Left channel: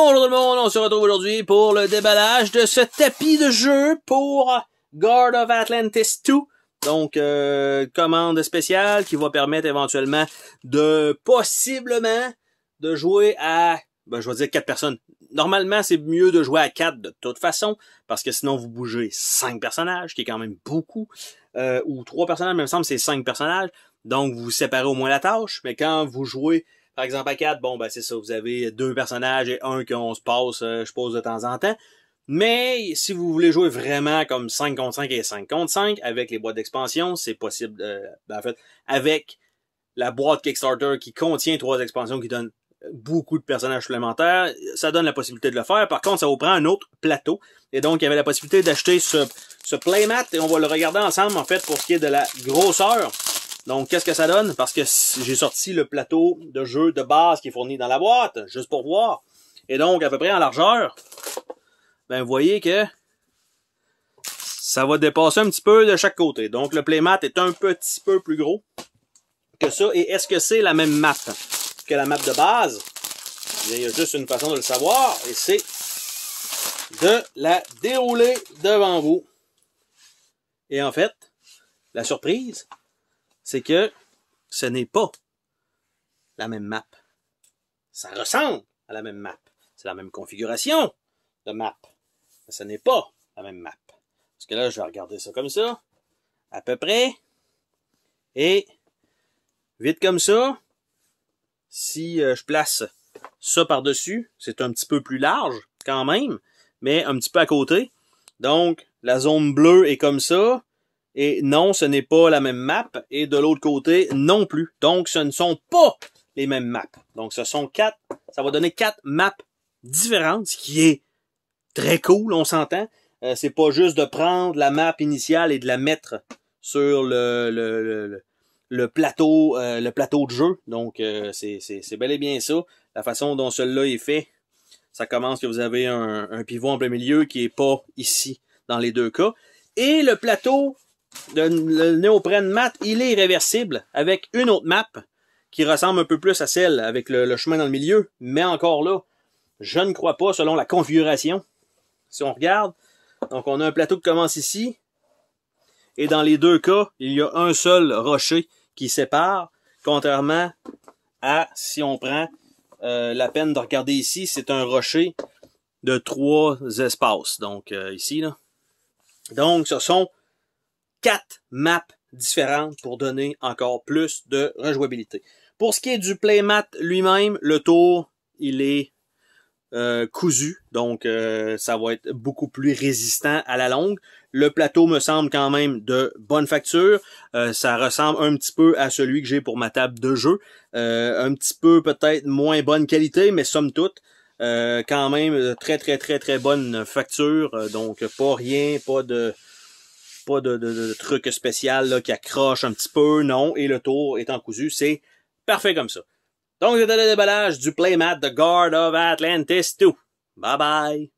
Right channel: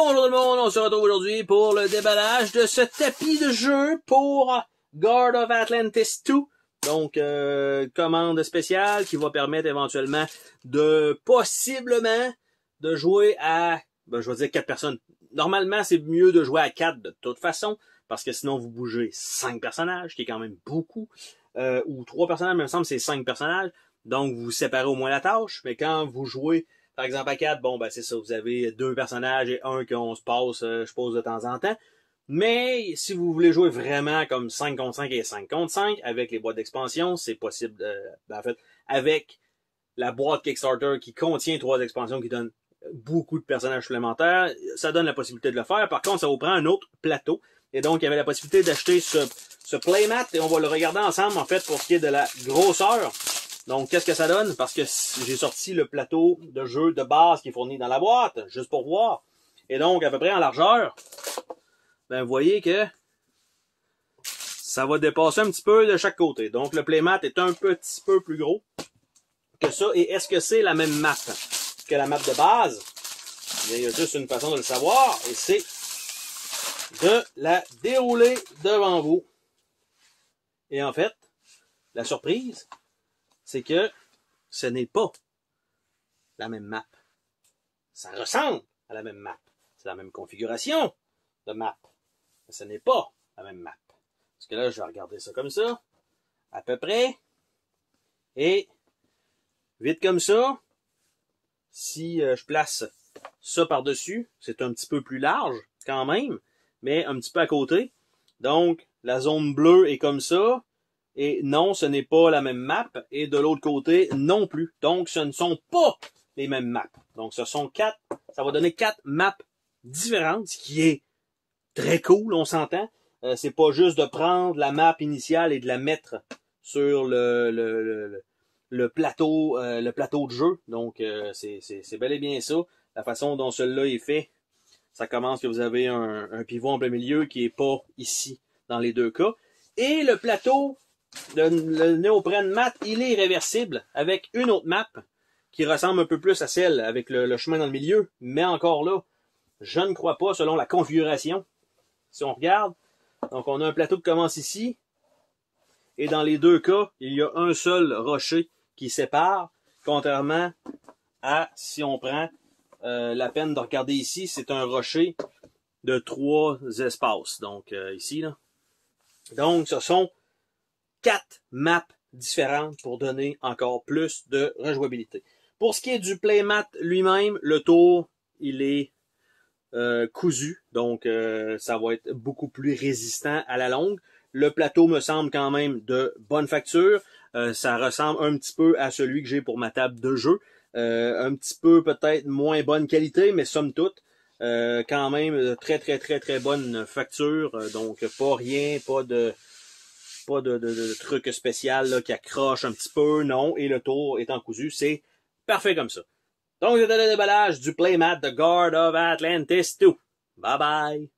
Bonjour tout le monde, on se retrouve aujourd'hui pour le déballage de ce tapis de jeu pour Guard of Atlantis 2. Donc, commande spéciale qui va permettre éventuellement de, possiblement, de jouer à, je vais dire 4 personnes. Normalement, c'est mieux de jouer à 4 de toute façon, parce que sinon vous bougez 5 personnages, qui est quand même beaucoup, ou 3 personnages, mais il me semble que c'est 5 personnages. Donc, vous séparez au moins la tâche, mais quand vous jouez par exemple, à 4, bon, ben c'est ça, vous avez 2 personnages et un qu'on se passe, je pose de temps en temps. Mais si vous voulez jouer vraiment comme 5 contre 5 et 5 contre 5, avec les boîtes d'expansion, c'est possible, en fait, avec la boîte Kickstarter qui contient 3 expansions qui donnent beaucoup de personnages supplémentaires, ça donne la possibilité de le faire. Par contre, ça vous prend un autre plateau. Et donc, il y avait la possibilité d'acheter ce playmat, et on va le regarder ensemble, en fait, pour ce qui est de la grosseur. Donc, qu'est-ce que ça donne? Parce que j'ai sorti le plateau de jeu de base qui est fourni dans la boîte, juste pour voir. Et donc, à peu près en largeur, ben, vous voyez que ça va dépasser un petit peu de chaque côté. Donc, le playmat est un petit peu plus gros que ça. Et est-ce que c'est la même map que la map de base? Bien, il y a juste une façon de le savoir, et c'est de la dérouler devant vous. Et en fait, la surprise, c'est que ce n'est pas la même map. Ça ressemble à la même map. C'est la même configuration de map. Mais ce n'est pas la même map. Parce que là, je vais regarder ça comme ça, à peu près. Et, vite comme ça, si je place ça par-dessus, c'est un petit peu plus large, quand même, mais un petit peu à côté. Donc, la zone bleue est comme ça. Et non, ce n'est pas la même map. Et de l'autre côté, non plus. Donc, ce ne sont pas les mêmes maps. Donc, ce sont 4. Ça va donner 4 maps différentes, ce qui est très cool, on s'entend. C'est pas juste de prendre la map initiale et de la mettre sur le plateau de jeu. Donc, c'est bel et bien ça. La façon dont celui-là est fait, ça commence que vous avez un pivot en plein milieu qui est pas ici dans les deux cas. Et le plateau le néoprène mat, il est réversible avec une autre map qui ressemble un peu plus à celle avec le chemin dans le milieu. Mais encore là, je ne crois pas selon la configuration. Si on regarde, donc on a un plateau qui commence ici. Et dans les deux cas, il y a un seul rocher qui sépare. Contrairement à, si on prend la peine de regarder ici, c'est un rocher de 3 espaces. Donc ici, là. Donc ce sont 4 maps différentes pour donner encore plus de rejouabilité. Pour ce qui est du playmat lui-même, le tour, il est cousu, donc ça va être beaucoup plus résistant à la longue. Le plateau me semble quand même de bonne facture. Ça ressemble un petit peu à celui que j'ai pour ma table de jeu. Un petit peu peut-être moins bonne qualité, mais somme toute, quand même très bonne facture. Donc pas rien, pas de truc spécial là, qui accroche un petit peu, non, et le tour étant cousu, c'est parfait comme ça. Donc, c'était le déballage du playmat de Guard of Atlantis 2. Bye bye!